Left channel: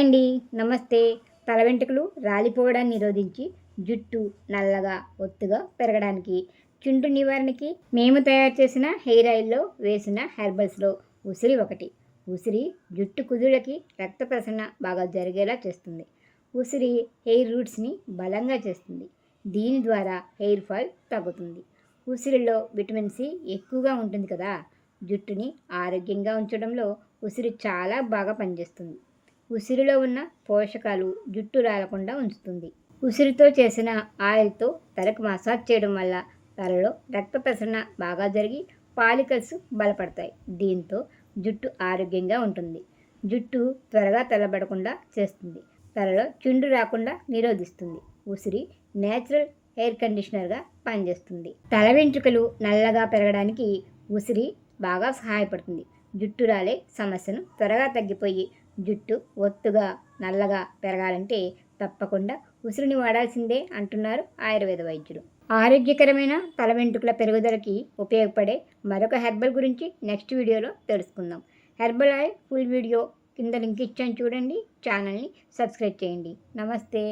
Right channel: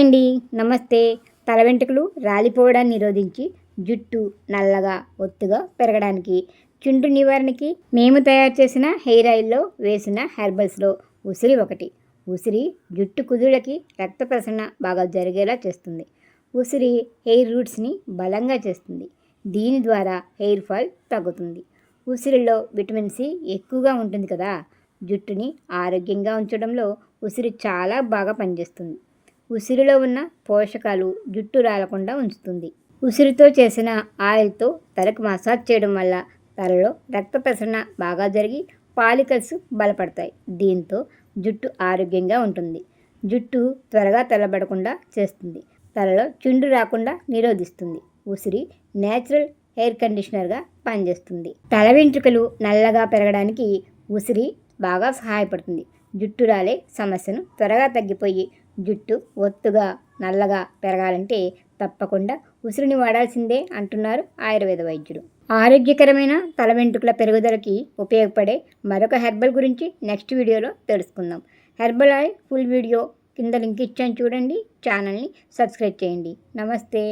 Hi అండి, నమస్తే. తల వెంట్రుకలు రాలిపోవడాన్ని నిరోధించి జుట్టు నల్లగా ఒత్తుగా పెరగడానికి చుండ్రు నివారణకి మేము తయారు చేసిన హెయిర్ ఆయిల్లో వేసిన హెర్బల్స్లో ఉసిరి ఒకటి. ఉసిరి జుట్టు కుదుళ్ళకి రక్త ప్రసరణ బాగా జరిగేలా చేస్తుంది. ఉసిరి హెయిర్ రూట్స్ని బలంగా చేస్తుంది. దీని ద్వారా హెయిర్ ఫాల్ తగ్గుతుంది. ఉసిరిలో విటమిన్ సి ఎక్కువగా ఉంటుంది కదా, జుట్టుని ఆరోగ్యంగా ఉంచడంలో ఉసిరి చాలా బాగా పనిచేస్తుంది. ఉసిరిలో ఉన్న పోషకాలు జుట్టు రాలకుండా ఉంచుతుంది. ఉసిరితో చేసిన ఆయిల్తో తలకు మసాజ్ చేయడం వల్ల తలలో రక్త ప్రసరణ బాగా జరిగి పాలికల్స్ బలపడతాయి. దీంతో జుట్టు ఆరోగ్యంగా ఉంటుంది. జుట్టు త్వరగా తెల్లబడకుండా చేస్తుంది. తలలో చుండ్రు రాకుండా నిరోధిస్తుంది. ఉసిరి నేచురల్ హెయిర్ కండిషనర్గా పనిచేస్తుంది. తల వెంట్రుకలు నల్లగా పెరగడానికి ఉసిరి బాగా సహాయపడుతుంది. జుట్టు రాలే సమస్యను త్వరగా తగ్గిపోయి జుట్టు ఒత్తుగా నల్లగా పెరగాలంటే తప్పకుండా ఉసిరిని వాడాల్సిందే అంటున్నారు ఆయుర్వేద వైద్యులు. ఆరోగ్యకరమైన తల వెంట్రుకల పెరుగుదలకి ఉపయోగపడే మరొక హెర్బల్ గురించి నెక్స్ట్ వీడియోలో తెలుసుకుందాం. హెర్బల్ ఆయిల్ ఫుల్ వీడియో కింద లింక్ ఇచ్చాను చూడండి. ఛానల్ని సబ్స్క్రైబ్ చేయండి. నమస్తే.